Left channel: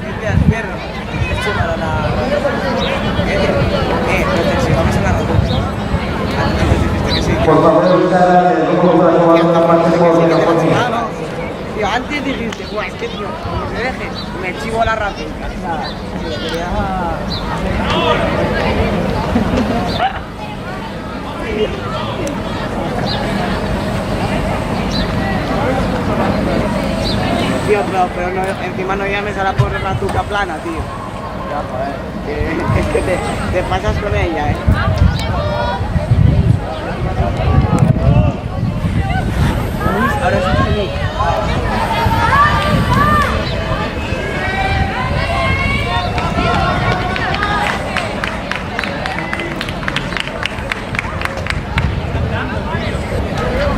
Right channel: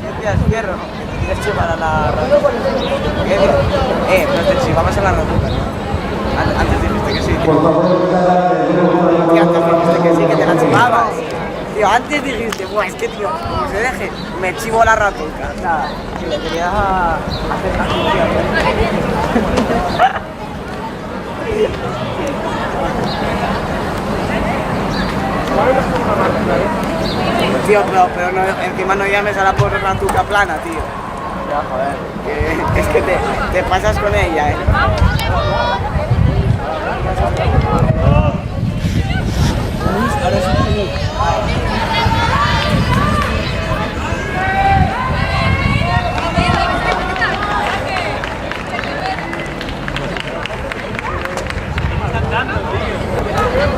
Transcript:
¿Qué días, fierro? Que te quieres llevar a la ¿Qué? Pero te vamos a la rotuta. Antes dijiste que sí. Antes dijiste que sí, que te la chivabas. Tío, antes dijiste, buah, es que tío, como se deje, me chivo la ratuta. Nada, tío, quería Tío, pero no, encima no llames a la pobre ratuta plana, tío. Ya, joder. Es que te pasas con ella, Ahora sí. Cantando, tío.